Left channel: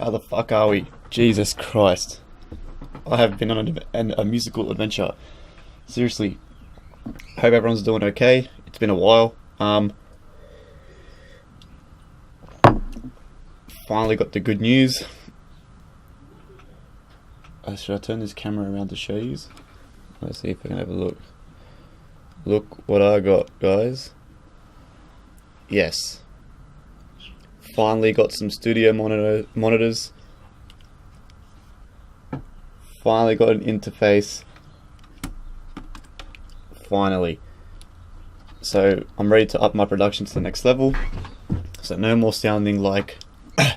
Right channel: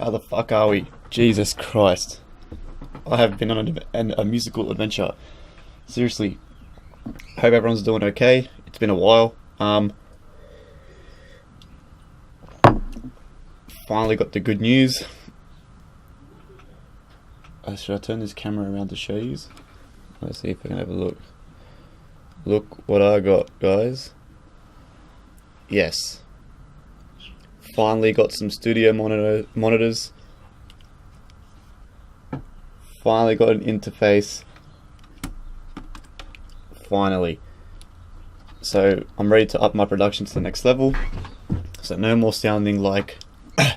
How the fuck are we? Jesus Christ. I have been on a musical adventure. Seriously. Hope everyone's doing okay. It's been a while. Finally got the good news. Should I turn this camera around to show you? Let's see if I can have a look. Look what I got, guys. Yes. Finally got some studio monitors. Finally got an interface. Finally. So I'm ready to up my production to the next level. So no more sounding like a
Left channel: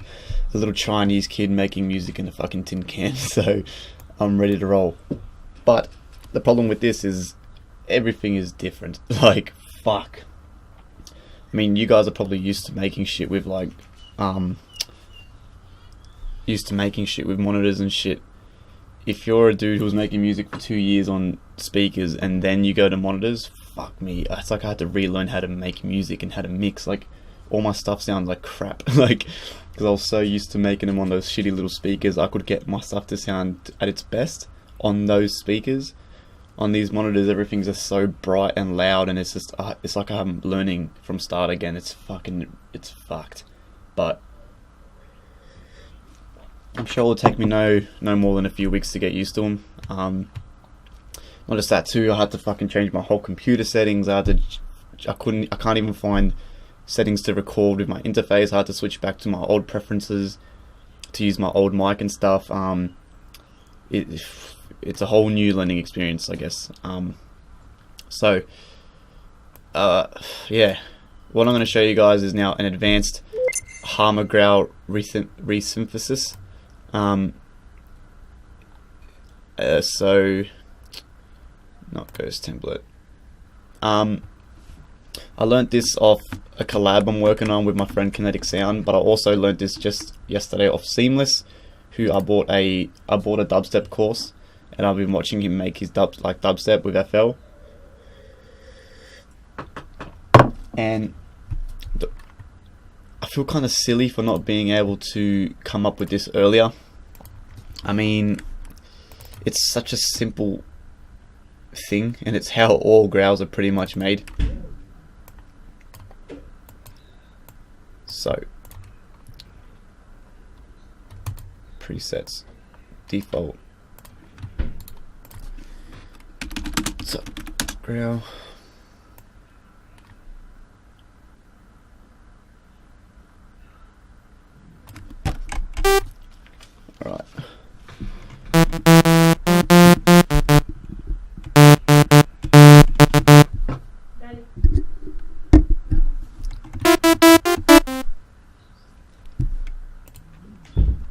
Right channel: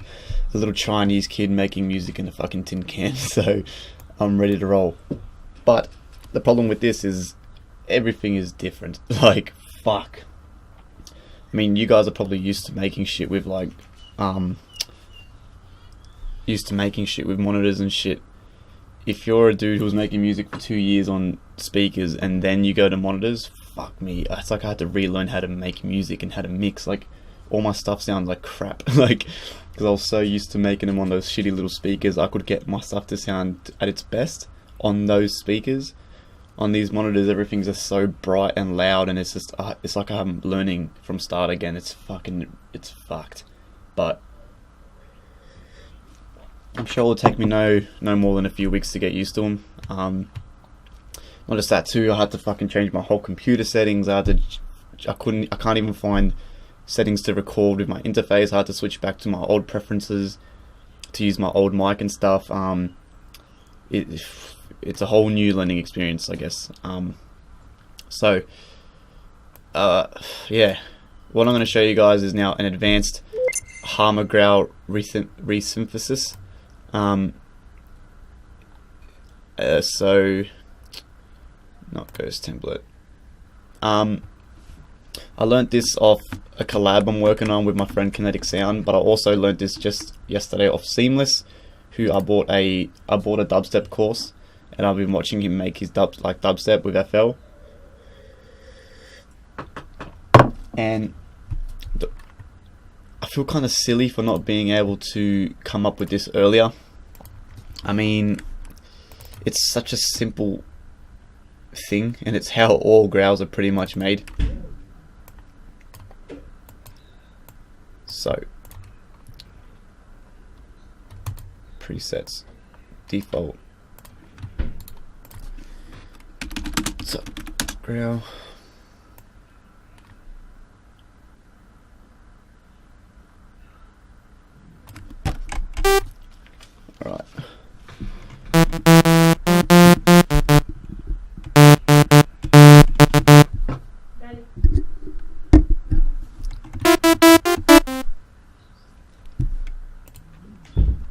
little Chinese kid making music in a fucking tin can. So I'm ready to roll. But the problem with this is everything is different. Like, fuck. I mean, you guys are probably used to making shit with like monitors and shit. If you're a dude who's making music for 2 years on speakers and then you go to monitors, fuck me. It's like I had to relearn how to make music and how to mix. Like, all my stuff sounds like crap. Like, because I was so used to making them on those shitty little speakers, I could get my stuff to sound at its best on those speakers. On these monitors, everything's just so bright and loud, and it's just it's like I'm learning from start again. It's fucked. But I'm sure it'll take me no more than a few weeks to get used to them. Not just that too, I had to fucking change my whole computer settings. I can't even find settings to record with my interface. I had to switch back to my old preferences to use my old mic and stuff. It's a whole new learning experience, I guess. Yeah, what I'm going to show you guys is now an advanced Harmor Growl resynthesis. So not Ghost template. I learnt this off a collab I'm working on with my friend Kinetic Sound, but I also learnt this just yesterday off Seamless, who I bought a dubstep course, and I've been watching him make his dubstep with FL. And I feel kind of silly for not being able to come up with this earlier. I mean, it's such a simple thing, and it's how all growls are pretty much made. So, presets, default. So, growl. Alright.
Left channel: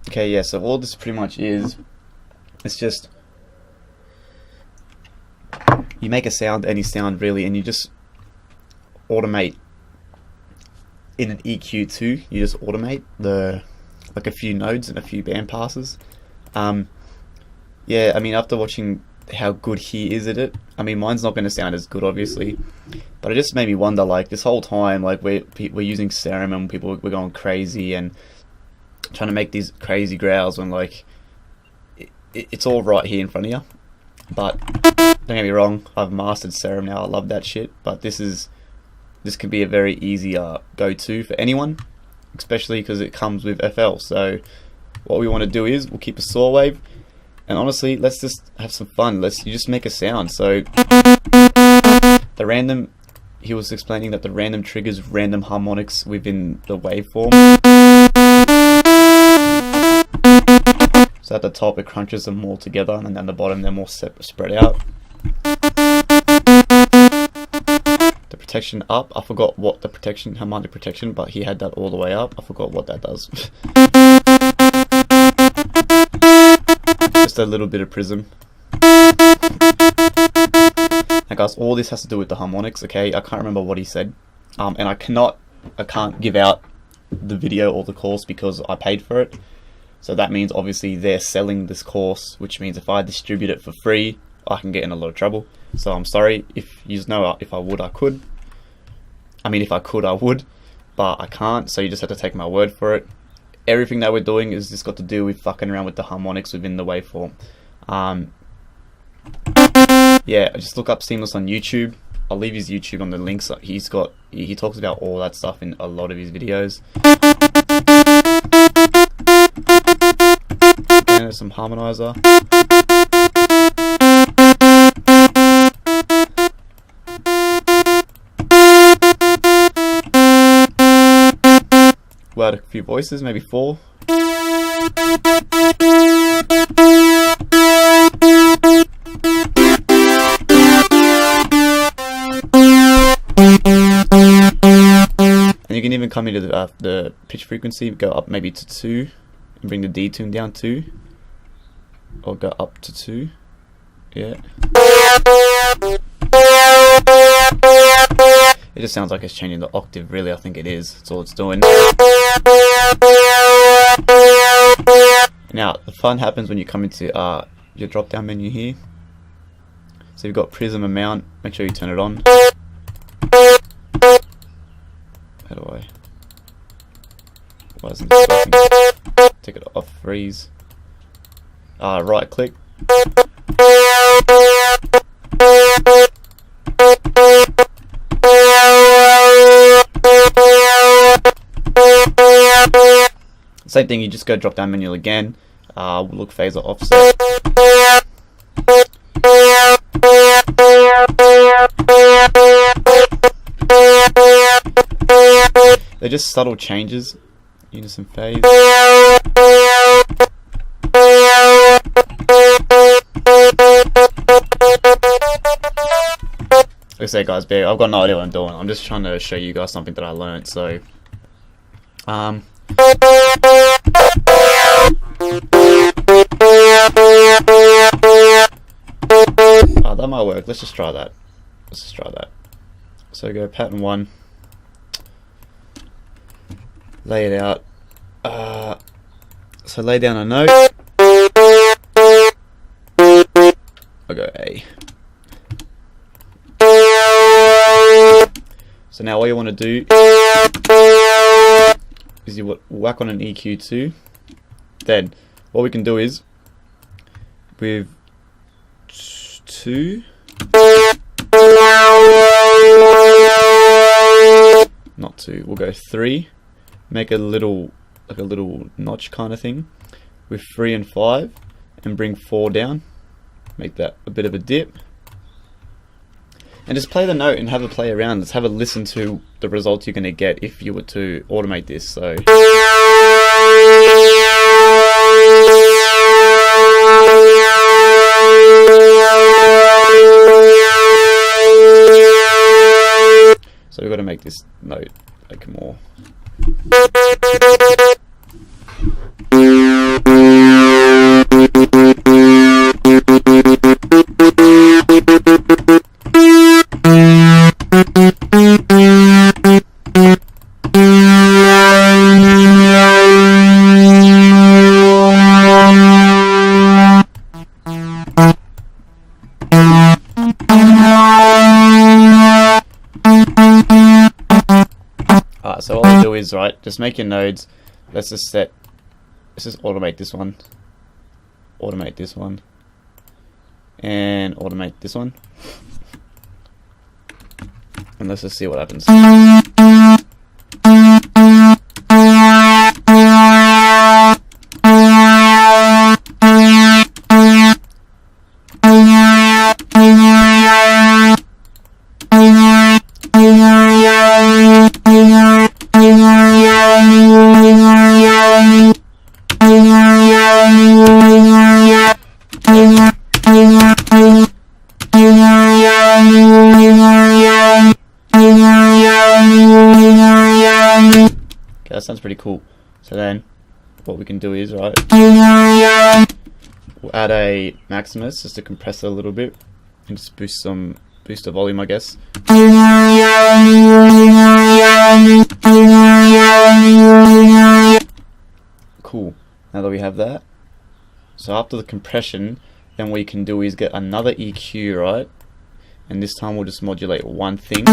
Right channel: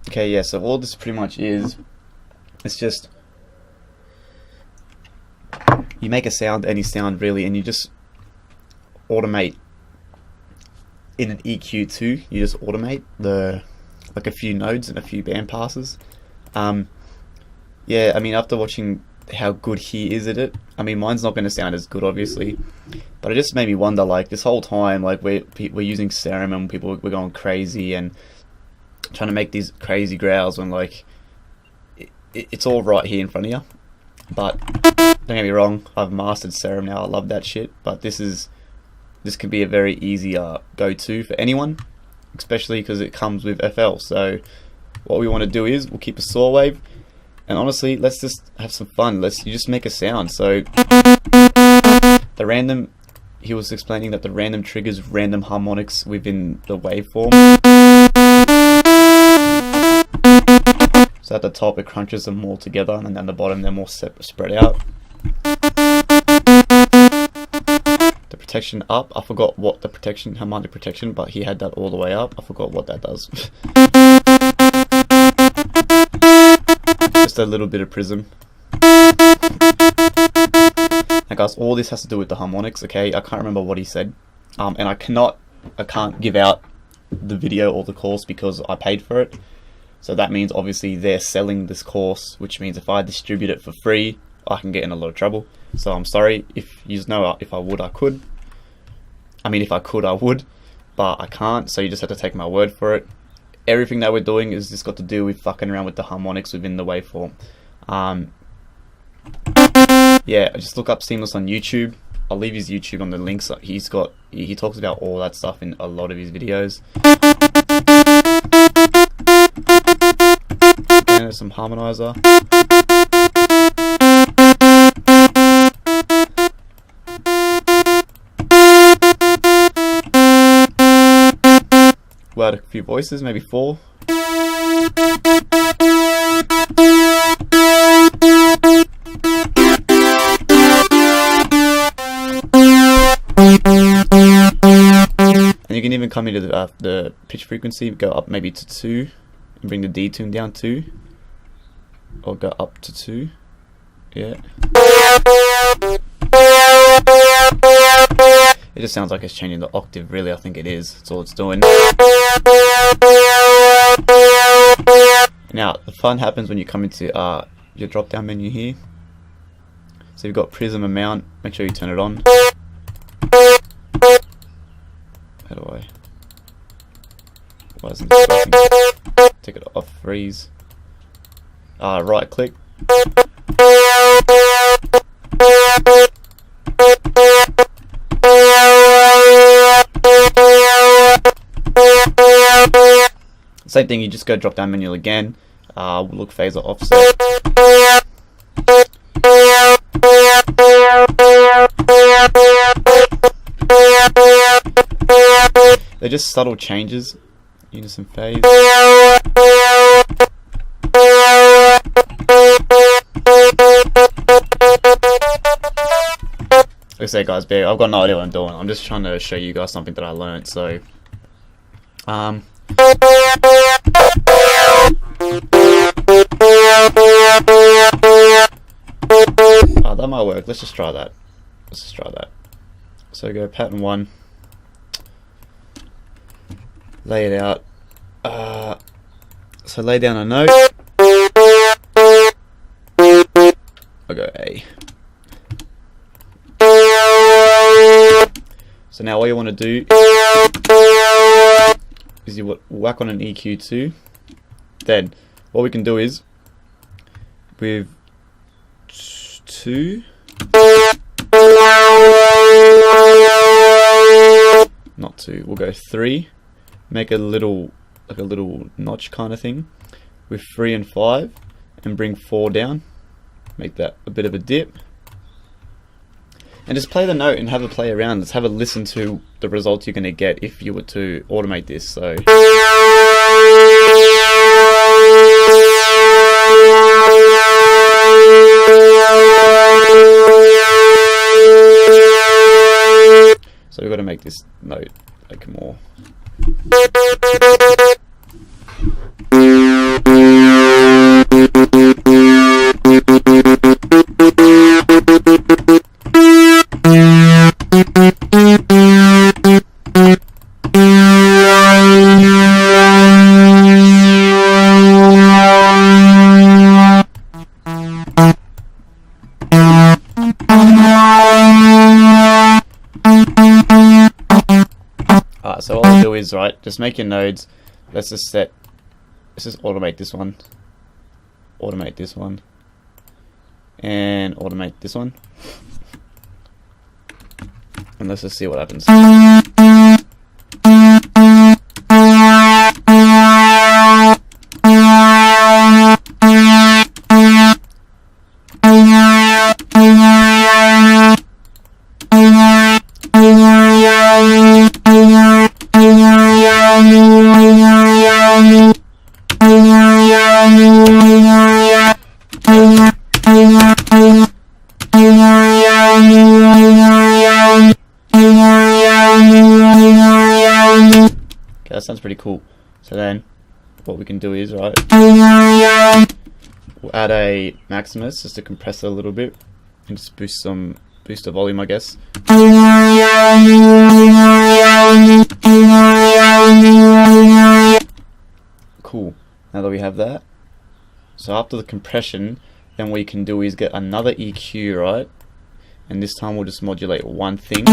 Okay, yeah, so all this pretty much is, it's just, you make a sound, any sound really, and you just automate in an EQ too. You just automate like a few nodes and a few band passes. Yeah, I mean, after watching how good he is at it, I mean, mine's not going to sound as good obviously, but it just made me wonder, like, this whole time, like, we're using Serum and we're going crazy and trying to make these crazy growls when, like, it's all right here in front of you. But don't get me wrong, I've mastered Serum now. I love that shit. But this can be a very easy go-to for anyone, especially because it comes with FL. So what we want to do is we'll keep a saw wave, and honestly, let's just have some fun. You just make a sound. So the random, he was explaining that the random triggers random harmonics within the waveform. So at the top it crunches them all together, and then at the bottom they're more spread out. The protection up, I forgot what the protection, harmonic protection, but he had that all the way up. I forgot what that does. Just a little bit of prism. Now guys, all this has to do with the harmonics, okay? I can't remember what he said. And I can't give out the video or the course because I paid for it. So that means obviously they're selling this course, which means if I distribute it for free, I can get in a lot of trouble. So I'm sorry. If you know, if I would, I could. I mean, if I could, I would, but I can't. So you just have to take my word for it. everything that we're doing is just got to do with fucking around with the harmonics within the waveform. Yeah, just look up Seamless on YouTube. I'll leave his YouTube on the links. He talks about all that stuff in a lot of his videos. Again, there's some harmonizer. We'll add a few voices, maybe 4. And you can even come into the pitch frequency, go up maybe to 2, and bring the D tune down 2, or go up to 2. Yeah. It just sounds like it's changing the octave, really. I think it is. That's all it's doing. Now, the fun happens when you come into your drop down menu here. So you've got prism amount. Make sure you turn it on. How do I? Why isn't this working? Take it off. Freeze. Right click. Same thing, you just go drop down menu again. We'll look phasor offset. They're just subtle changes. Unison phase. Like I say, guys, I've got no idea what I'm doing. I'm just trying to show you guys something that I learned. So, that might work. Let's just try that. So go pattern 1. Lay it out. So lay down a note. I'll go A. So now all you want to do is you whack on an EQ too. Then what we can do is with 2, not 2, we'll go 3. Make a little, like a little notch kind of thing with 3 and 5, and bring 4 down. Make that a bit of a dip. And just play the note and have a play around. Let's have a listen to the results you're going to get if you were to automate this. So we've got to make this note like more. So all I do is, right, just make your nodes. Let's just automate this one, and automate this one, and let's just see what happens. Okay, that sounds pretty cool. So then what we can do is, right, we'll add a Maximus just to compress it a little bit and just boost the volume, I guess. Cool. Now that we have that, so after the compression, then what you can do is get another EQ, right, and this time we'll just modulate one thing.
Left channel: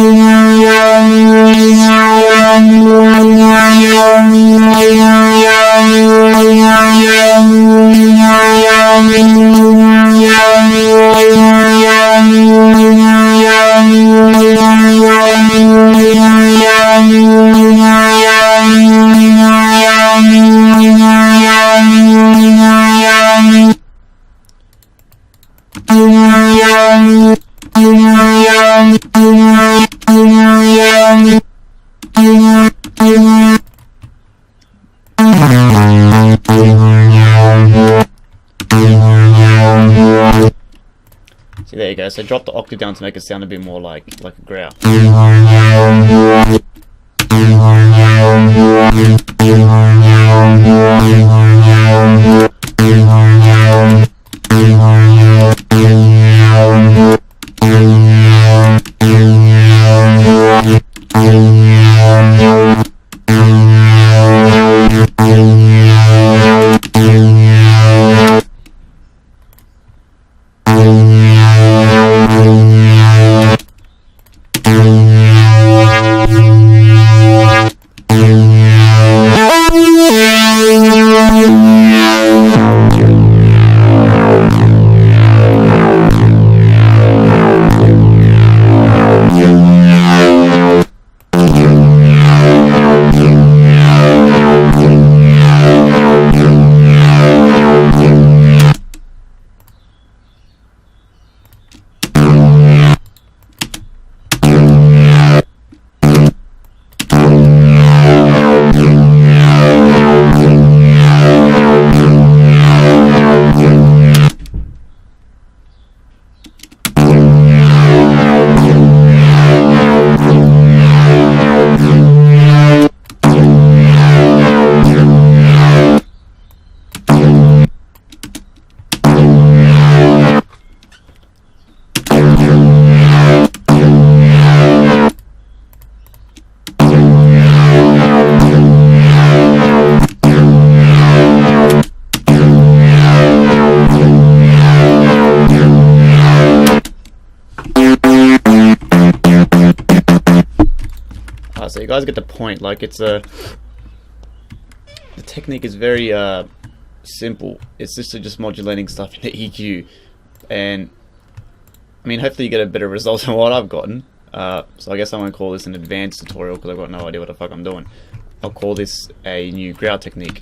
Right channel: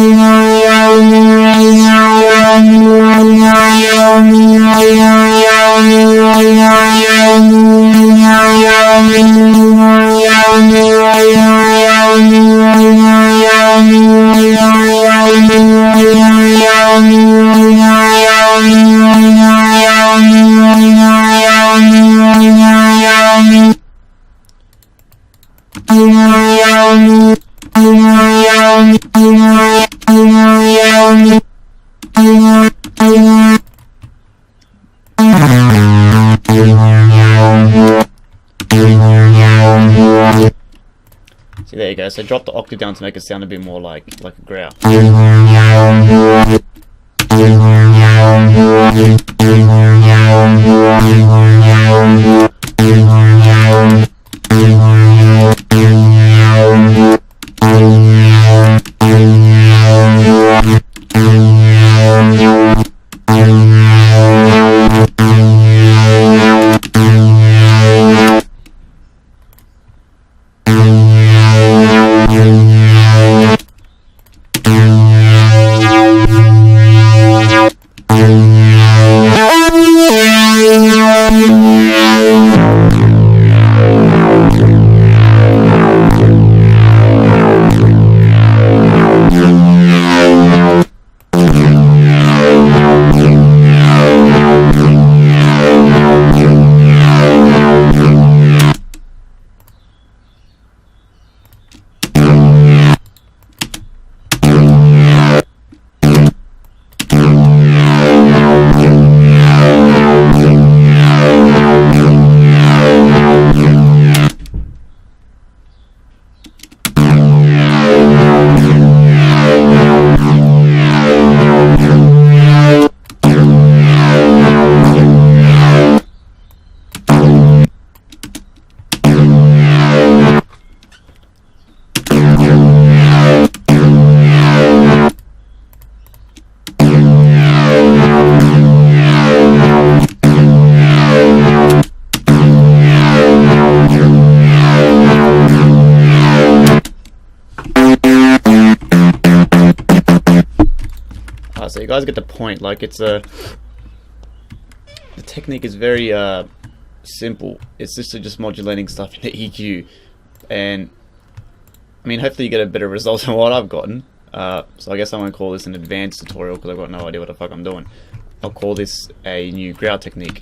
See, there you go. So drop the octave down to make it sound a bit more like a growl. So you guys get the point. Like, it's the technique is very simple. It's just modulating stuff in the EQ, and I mean, hopefully you get a better result than what I've gotten. So I guess I'm gonna call this an advanced tutorial because I've got no idea what the fuck I'm doing. I'll call this a new growl technique.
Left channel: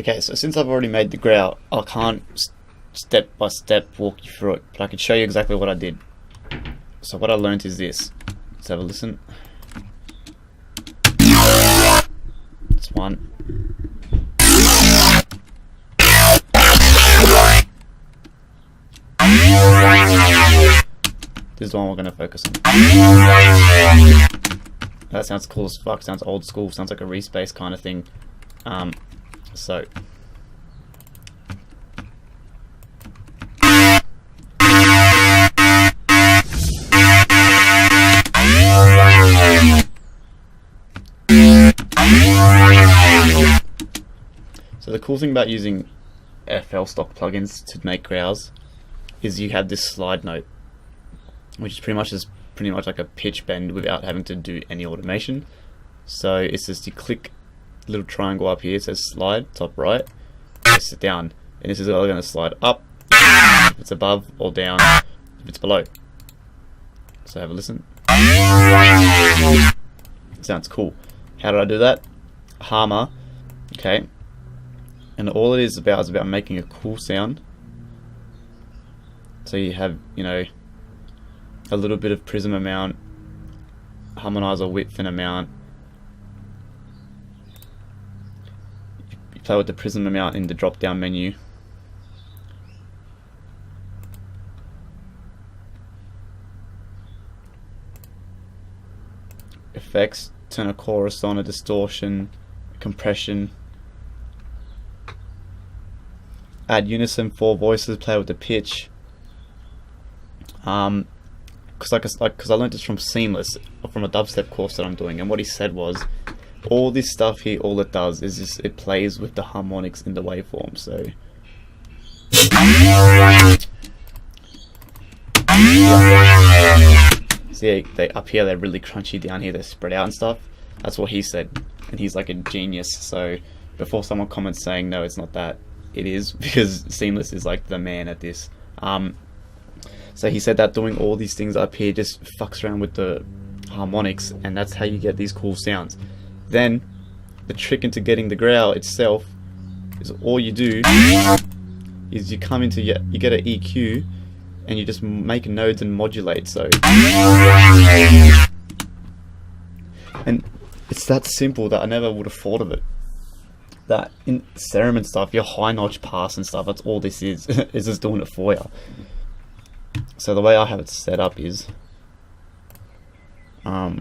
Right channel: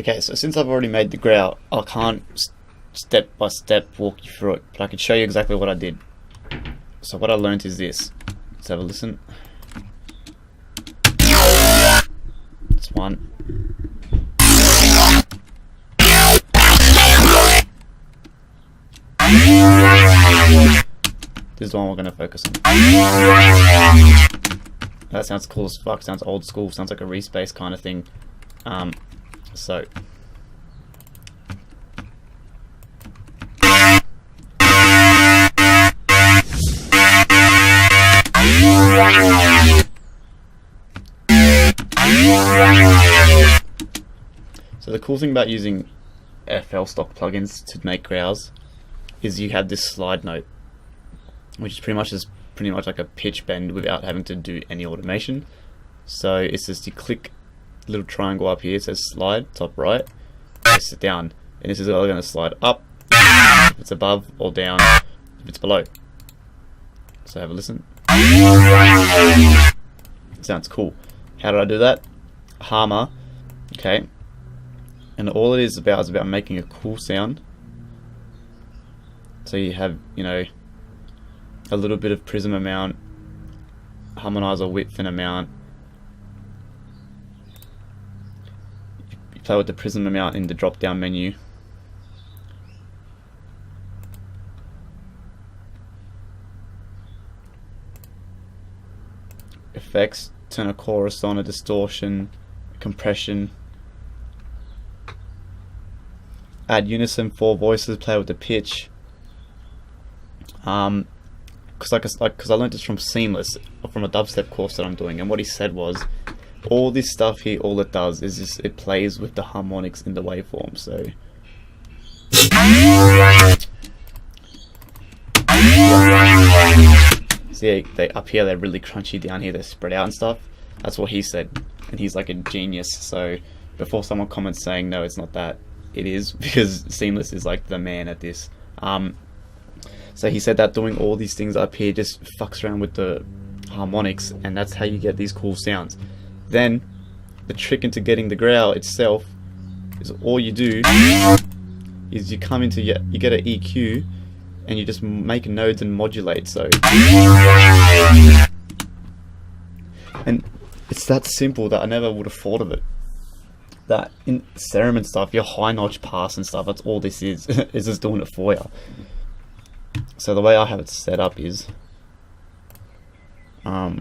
Okay, so since I've already made the growl, I can't step by step walk you through it, but I can show you exactly what I did. So what I learned is this. Let's have a listen. That's one. This is the one we're going to focus on. That sounds cool as fuck, sounds old school, sounds like a respace kind of thing. So the cool thing about using FL stock plugins to make growls is you have this slide note, which is pretty much like a pitch bend without having to do any automation. So it's just you click little triangle up here, it says slide, top right, press it down, and this is all going to slide up if it's above, or down if it's below. So have a listen. Sounds cool. How did I do that? Harmor, okay, and all it is about making a cool sound. So you have, you know, a little bit of prism amount, harmonizer width and amount. You play with the prism amount in the drop down menu. Effects, turn a chorus on, a distortion, compression. Add unison, 4 voices, play with the pitch. Because I learned this from Seamless, from a dubstep course that I'm doing, and what he said was, all this stuff here, all it does is just it plays with the harmonics in the waveform. So see, they up here they're really crunchy, down here they're spread out and stuff. That's what he said, and he's like a genius. So before someone comments saying no, it's not that, it is, because Seamless is like the man at this. So he said that doing all these things up here just fucks around with the harmonics, and that's how you get these cool sounds. Then the trick into getting the growl itself is all you do is you come into you get an EQ and you just make nodes and modulate. So, and it's that simple that I never would have thought of it. That in Serum and stuff, your high notch pass and stuff, that's all this is. It's just doing it for you. So the way I have it set up is so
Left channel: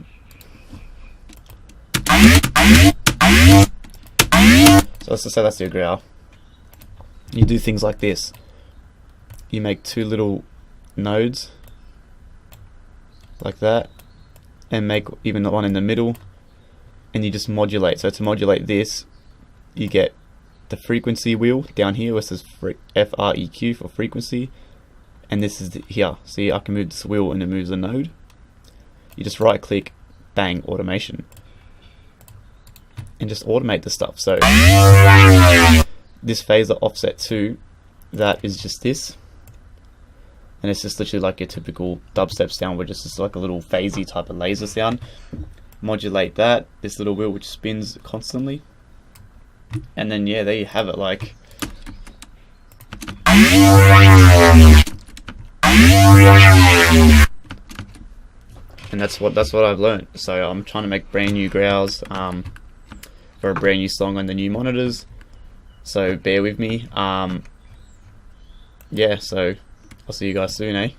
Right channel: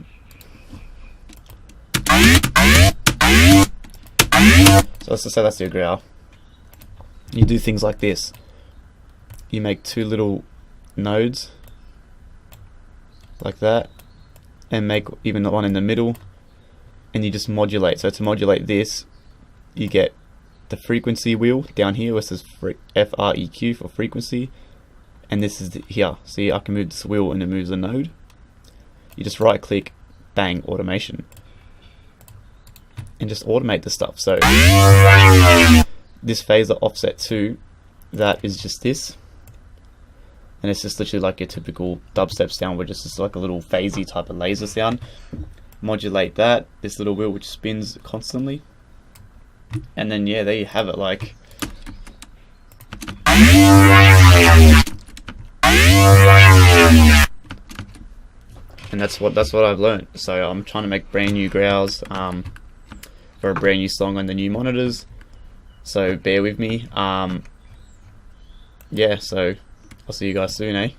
let's just say that's your growl. You do things like this. You make 2 little nodes like that, and make even one in the middle, and you just modulate. So to modulate this, you get the frequency wheel down here where it says FREQ for frequency, and this is here. See, I can move this wheel and it moves a node. You just right click, bang, automation, and just automate the stuff. So this phaser offset 2, that is just this, and it's just literally like your typical dubstep sound, which is just like a little phasey type of laser sound. Modulate that, this little wheel which spins constantly, and then yeah, there you have it. Like, and that's what I've learned. So I'm trying to make brand new growls for a brand new song on the new monitors, so bear with me. Yeah, so I'll see you guys soon, eh?